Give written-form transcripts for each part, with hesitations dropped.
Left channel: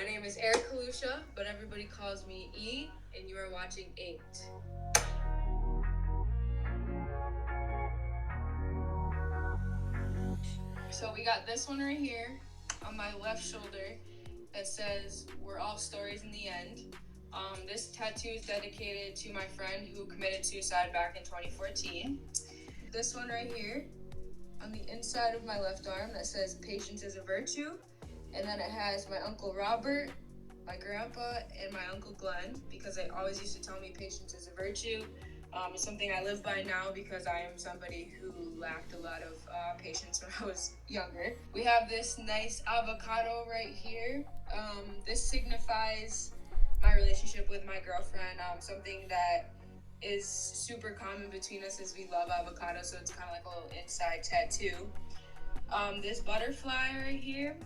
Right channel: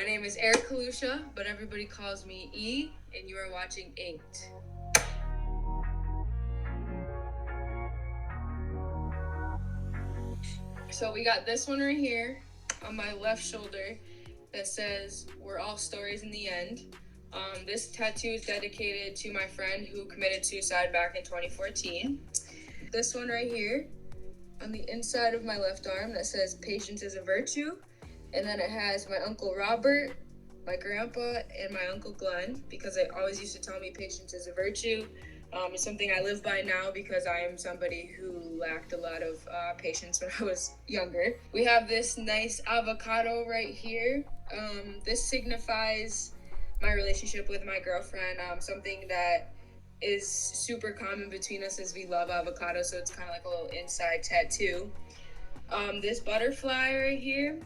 My name is Lucia, but everybody calls me E, and you are watching Inked. So we got this one right here on my left shoulder that says, "We're all stories in the end." This tattoo is dedicated to my friend who committed suicide back in 2014. This one right here on the inside of my left arm that says, "Patience is a virtue." And then it has my Uncle Robert, my grandpa, and my Uncle Glenn, because they always used to tell me patience is a virtue. It's something I live by now because I am somebody who lacked a lot of patience when I was younger. We have this nice avocado right here. This signifies my relationship with my girlfriend, something that is super common between us is we love avocado, so it's kind of like a little inside tattoo. This butterfly right here,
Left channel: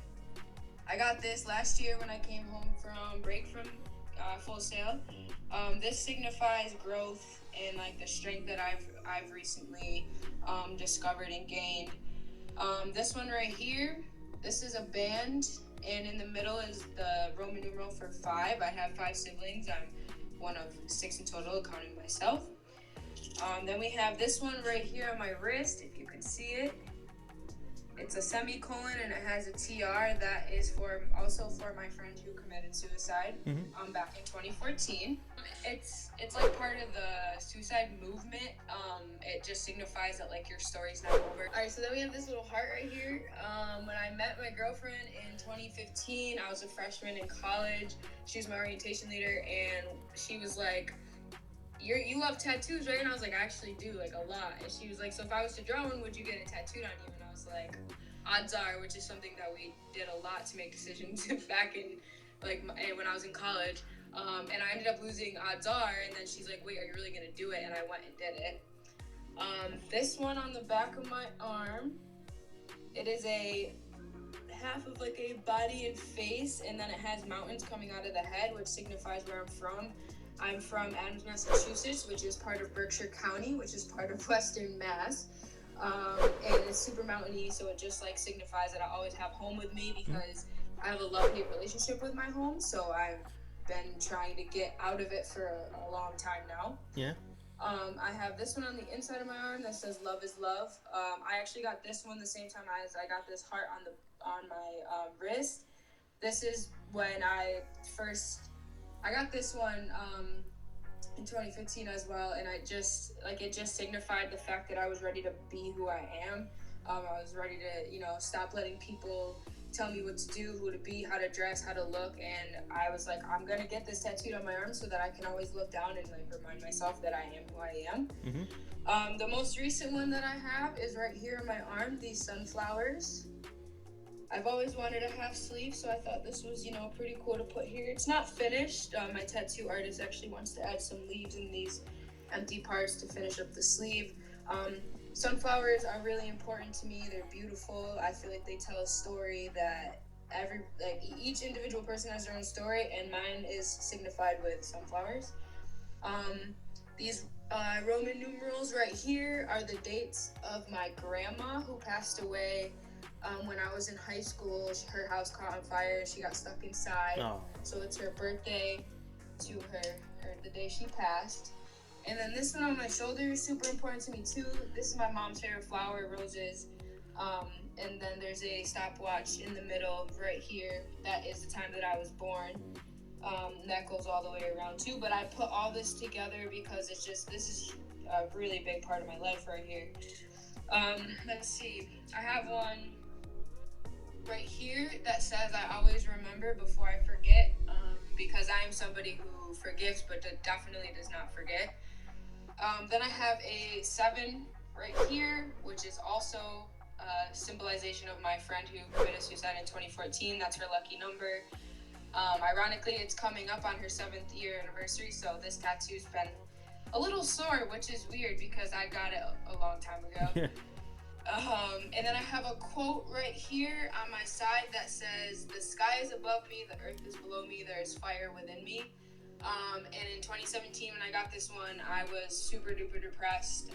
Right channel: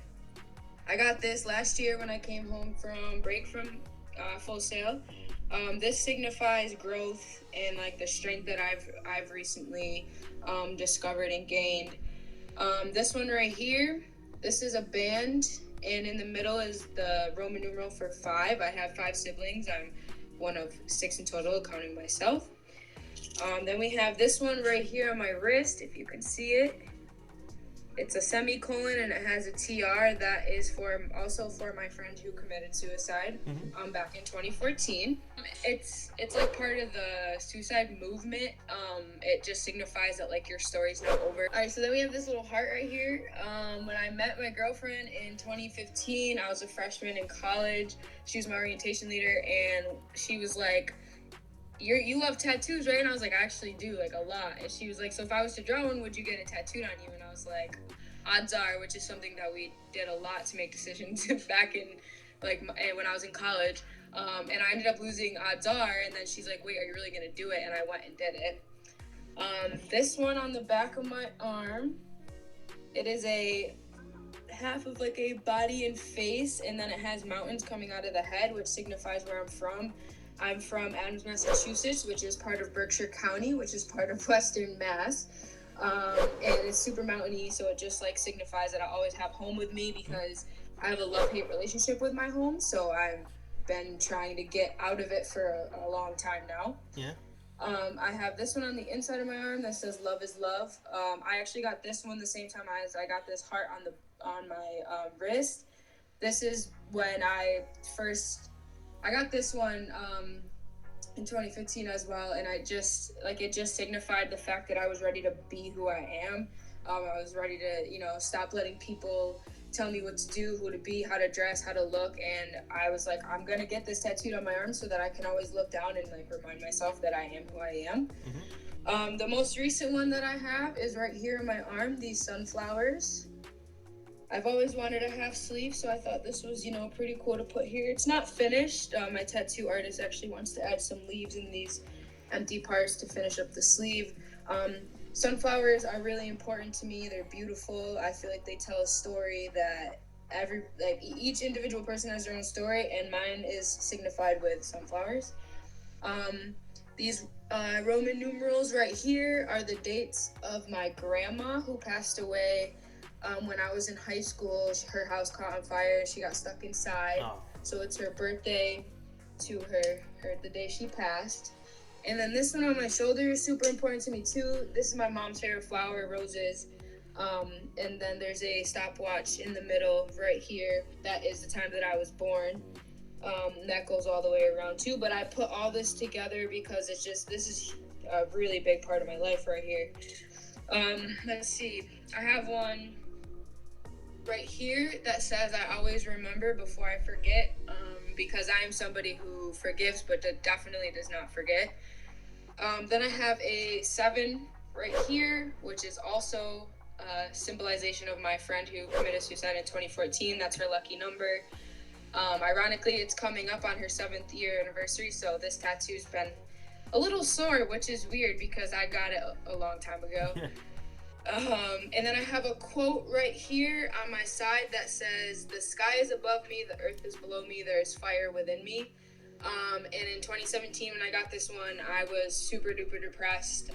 I got this last year when I came home from break from Full Sail. This signifies growth and like the strength that I've recently discovered and gained. This one right here, this is a band, and in the middle is the Roman numeral for 5. I have 5 siblings. I'm one of 6 in total, counting myself. Then we have this one right here on my wrist, if you can see it. It's a semicolon and it has a TR. That is also for my friend who committed suicide back in 2014. It's like part of the suicide movement. It just signifies that like your story's not over. All right, so then we have this little heart right here. When I met my girlfriend in 2015, I was a freshman in college. She was my orientation leader, and she was like, you love tattoos, right? And I was like, I actually do, like, a lot. And she was like, so if I was to draw one, would you get it tattooed on you? And I was like, odds are, which is something that we did a lot to make decisions back in, like, when I was in college. And I ended up losing odds are, and then she's like, wait, are you really gonna do it? And I went and did it. This one on the back of my arm, it is a half of like a body and face, and then it has mountains coming out of the head, which signifies where I'm from. I'm from Adams, Massachusetts, which is part of Berkshire County, which is part of Western Mass. And it's super mountainy, so it just like signifies that I always have home with me because I have a love-hate relationship with my home, so I've been trying to get out of it for a long time now. Yeah. I have this one on the inside of my arm that says "Love is Love." I actually got this one the same time as I got this heart on my wrist. This is when I got this one in 2015 as well, and it just signified the fact that I was ready to be who I am. I was ready to, stop letting people tell me what to do, who to be, how to dress, how to look, and I was like, I'm gonna get this tattooed on my arm so that I can always look down and like remind myself that I am who I am. The most recent one that I have is right here on my arm, these sunflowers. I've always wanted a half sleeve, so I thought this was, pretty cool to put here. It's not finished. My tattoo artist actually wants to add some leaves in these empty parts to finish up the sleeve. Sunflowers are really important to me. They're beautiful. I feel like they tell a story that each individual person has their own story, and mine is signified with sunflowers. These Roman numerals right here are the dates of my grandma who passed away when I was in high school. Her house caught on fire. She got stuck inside. Oh. So it's her birthday to her the day she passed. And then this one on my shoulder is super important to me too. This is my mom's favorite flower, roses. And then there's a stopwatch in the middle right here. That is the time that I was born. That goes all the way around too. But I put all this together because this is a really big part of my life right here. Let's see. I have one right here that says I always remember before I forget, because I am somebody who forgives but definitely does not forget. Then I have a 7 right here, which is also a symbolization of my friend who committed suicide in 2014. That's her lucky number. Ironically, it's coming up on her 7th year anniversary, so this tattoo's been a little sore, which is weird because I got it a long time ago. And then I have a quote right here on my side that says, "The sky is above me, the earth is below me, there is fire within me." And in 2017, when I got this one, I was super duper depressed.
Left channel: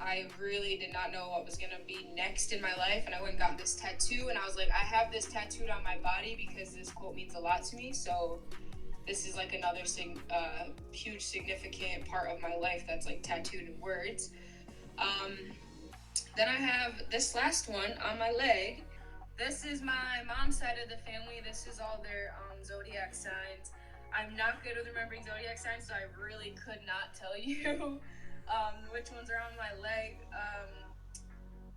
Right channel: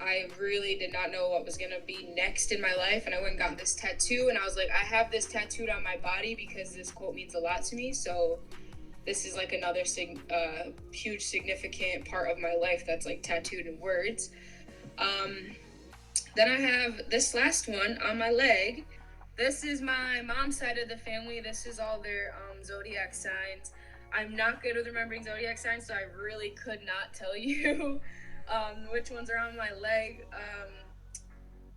I really did not know what was going to be next in my life, and I went and got this tattoo, and I was like, I have this tattooed on my body because this quote means a lot to me, so this is like another huge significant part of my life that's like tattooed in words. Then I have this last one on my leg. This is my mom's side of the family. This is all their zodiac signs. I'm not good with remembering zodiac signs, so I really could not tell you which ones are on my leg.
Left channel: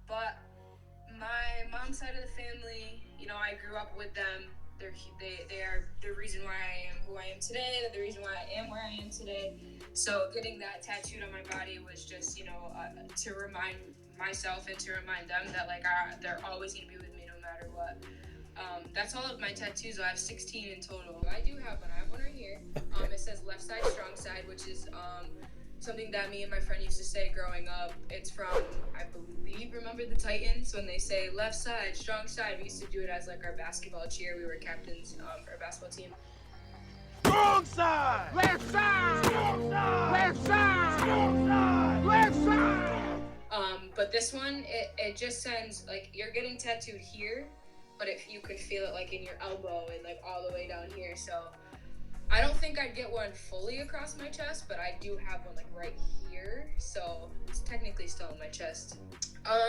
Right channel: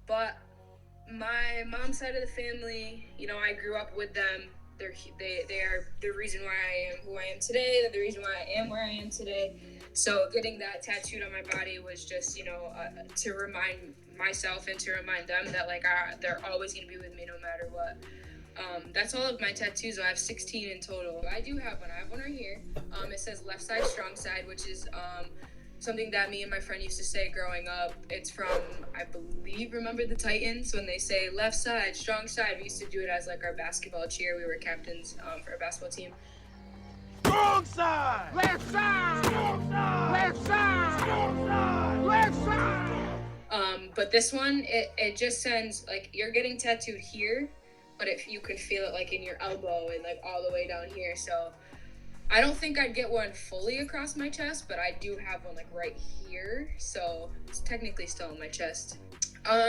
But my mom's side of the family, you know, I grew up with them. They are the reason why I am who I am today. They're the reason why I am where I am today. So getting that tattooed on my body was just, you know, to remind myself and to remind them that like they're always gonna be with me no matter what. That's all of my tattoos. I have 16 in total. I do have one. I have one right here. It says left side, strong side, which is something that me and my friend used to say growing up. It's from, I believe, remember the Titans? When they say left side, strong side, we used to do it as like our basketball cheer. We were captains for our basketball team. Strong side! Left side! Strong side! Left side! Strong side! Left side! But this one, it just sends, like, you're getting tattooed here, but if you can feel it like in your elbow and like all the way down here. So I don't think I'd get one fully across my chest, but I do have one like right here, so it's technically still on my chest.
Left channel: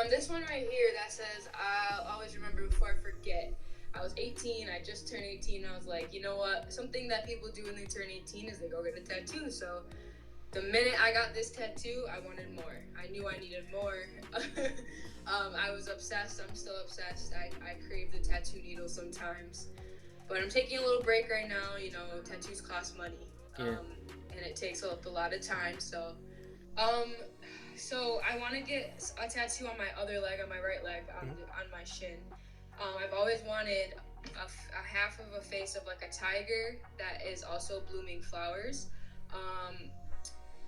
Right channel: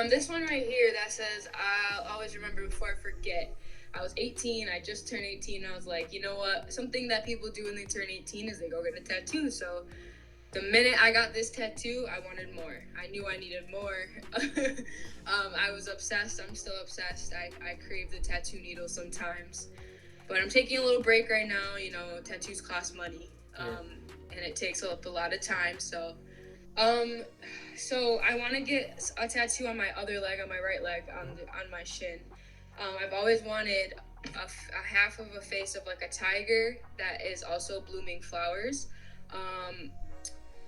This one right here that says, I'll always remember before I forget. I was 18, I just turned 18, and I was like, you know what, something that people do when they turn 18 is they go get a tattoo. So the minute I got this tattoo, I wanted more. I knew I needed more. I was obsessed. I'm still obsessed. I crave the tattoo needle sometimes. But I'm taking a little break right now. You know, tattoos cost money. And it takes up a lot of time. So I want to get a tattoo on my other leg, on my right leg, on my shin. I've always wanted a half of a face of like a tiger that is also blooming flowers.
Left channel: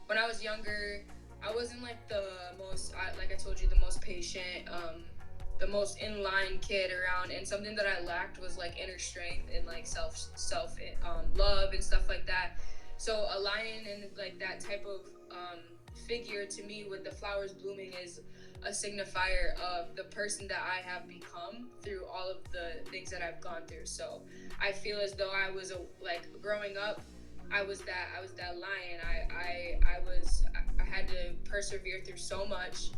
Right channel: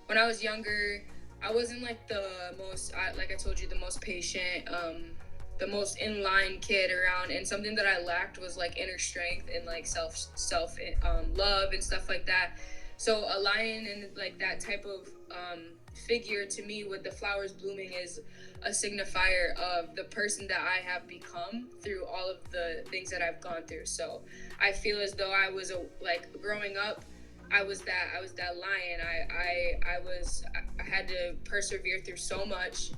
When I was younger, I wasn't like the most, like I told you, the most patient, the most in-line kid around, and something that I lacked was like inner strength and like self love and stuff like that. So a lion and like that type of figure to me with the flowers blooming is a signifier of the person that I have become through all of the things that I've gone through. So I feel as though I was like growing up, I was that lion. I had to persevere through so much.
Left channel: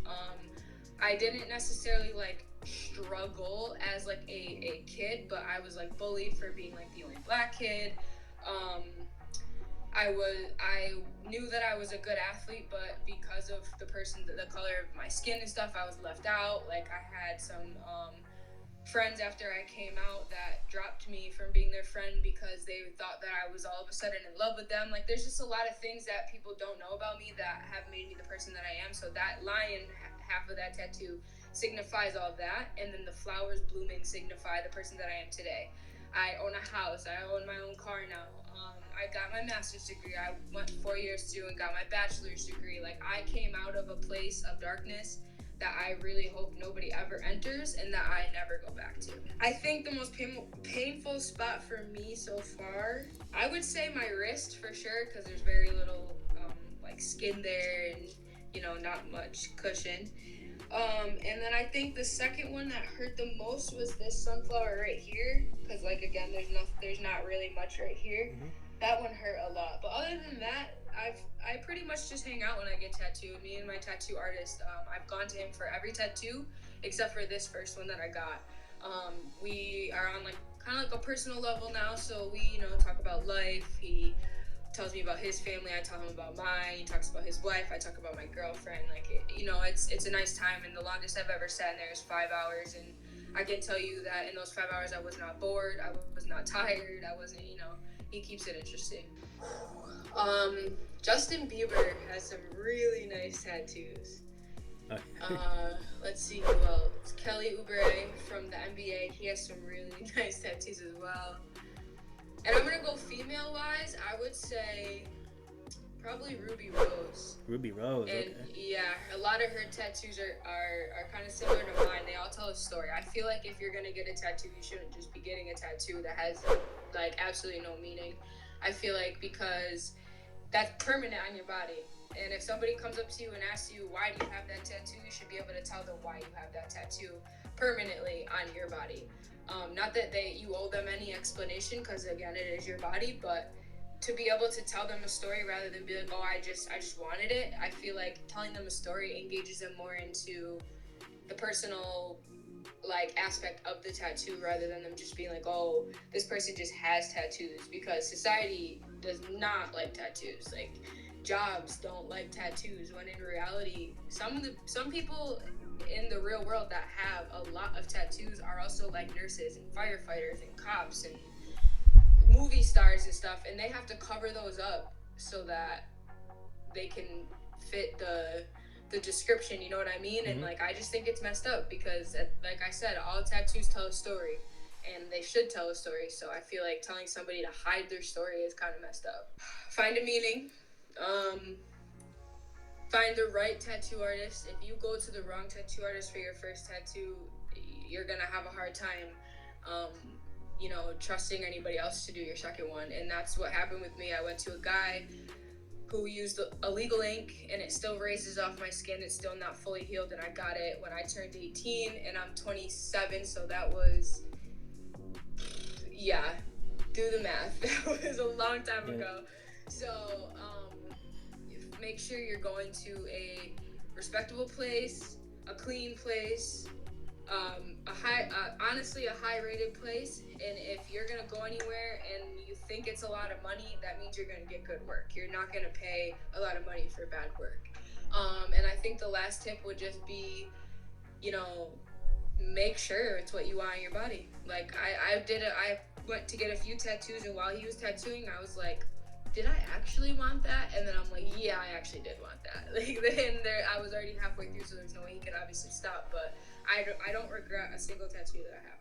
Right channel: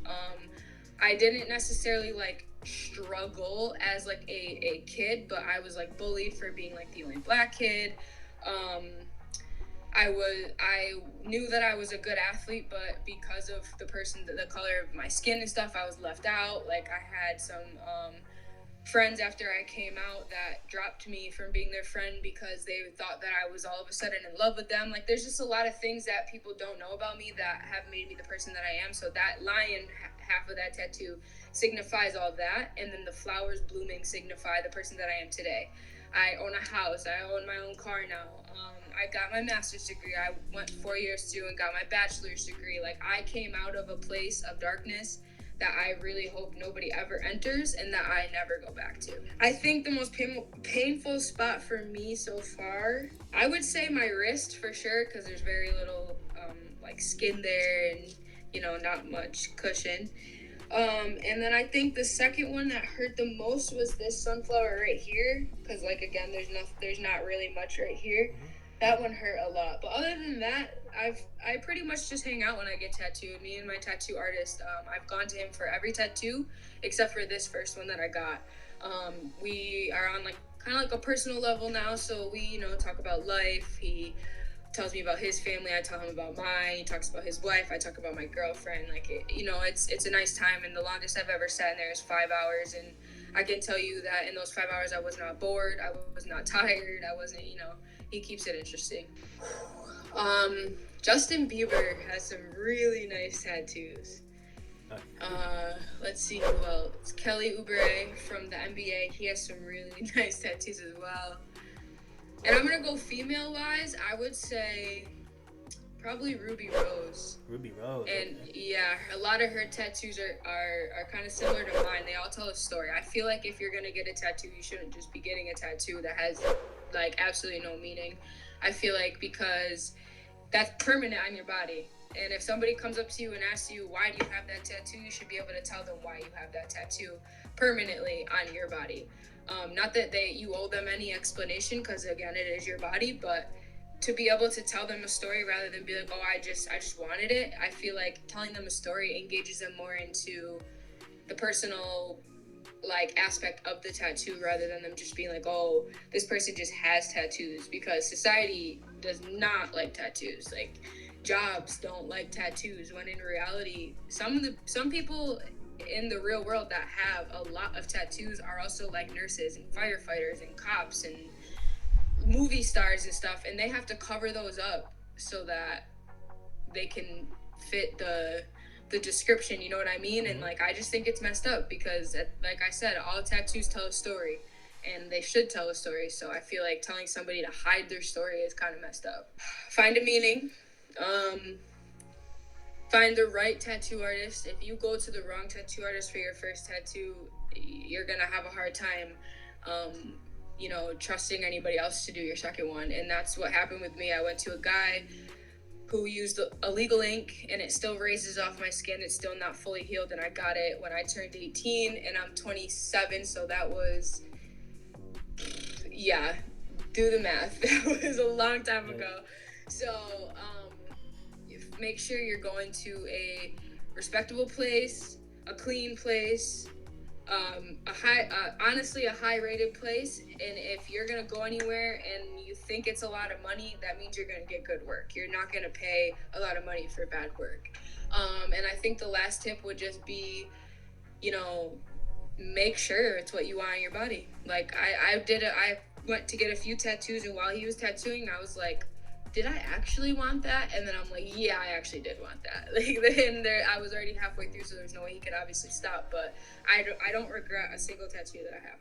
I didn't necessarily like struggle as like a kid, but I was like bullied for being like the only black kid. I knew that I was a good athlete, but because of the color of my skin and stuff, I was left out. Like I had some friends after I came out that dropped me from being their friend because they thought that I was all of a sudden in love with them. Like there's just a lot of things that people don't know about me that have made me the person that I am. So that lion, half of that tattoo, signifies all that, and then the flowers blooming signify the person that I am today. I own a house. I own my own car now. I got my master's degree. I went 4 years too and got my bachelor's degree. Like I came out of a place of darkness that I really hope nobody ever enters and that I never go back to. I think the most painful spot for me so far, I would say my wrist for sure, because there's very little like skin there and, you know, not much cushion. And then I think the second one that hurt the most was this sunflower right here, because like again, there's not really much right here. Mm-hmm. That one hurt a lot. But other than that, I pretty much just hang out when I get tattooed. Me and my tattoo artist, I've gone to him for every tattoo except for this first one that I got. We are on like kind of like a personal level now, so we, you know, talk about life. He tells me about his family, I tell him about mine. He talks about his wife, I talk about my girlfriend. Like it's a nice time, and the longest I've ever sat in there is 5 hours, and I can tell you that in those 5 hours I was not bored, I was not tired, I wasn't, you know, he keeps it interesting. Justin Bieber has some really nice tattoos. Let's see who else. Kelly Oubre from the NBA, he has some really nice tattoos as well. And I'm gonna go female-wise, I would say probably Ruby Rose. Ruby Rose. And okay. Yeah, a lot of her tattoos are kind of similar to mine. They all tell a story. I feel like if you're gonna get a tattoo, you shouldn't just be getting a tattoo that has like absolutely no meaning. I feel like because that's permanent on your body. And if somebody comes up to you and asks you, why do you have that tattoo, you should be able to tell them why you have that tattoo permanently on your body. Not that you owe them any explanation, because again, it is your body, but to be able to tell them a story rather than be like, oh, I just wanted it. I feel like telling them a story engages them more into the personal like aspect of the tattoo, rather than them just being like, oh, this person just has tattoos, because society does not like tattoos. Like, jobs don't like tattoos, when in reality some people in the real world that have a lot of tattoos are also like nurses and firefighters and cops and movie stars and stuff, and they have to cover those up so that they can fit the description, you know what I mean? Mm-hmm. And like, I just think it's messed up, because like I said, all tattoos tell a story, and they should tell a story. So I feel like telling somebody to hide their story is kind of messed up. Find a meaning. Find the right tattoo artist. If you go to the wrong tattoo artist for your first tattoo, you're gonna have a hard time trusting anybody else to do your second one. And that's what happened with me. I went to a guy who used illegal ink, and it still raises off my skin. It's still not fully healed, and I got it when I turned 18, and I'm 27, so that was, yeah, do the math. That was a long time ago. So make sure you're going to a respectable place, a clean place, honestly a high rated place. And if you're gonna go anywhere and you think it's a lot of money, that means you're gonna get good work. You're not gonna pay a lot of money for bad work. And I think the last tip would just be, make sure it's what you want on your body. Like, I went to get a few tattoos, and while he was tattooing, I was like, did I actually want that? And then I'm like, yeah, I actually did want that. Like, and I was already halfway through, so there's no way he could obviously stop. But I don't regret a single tattoo that I have.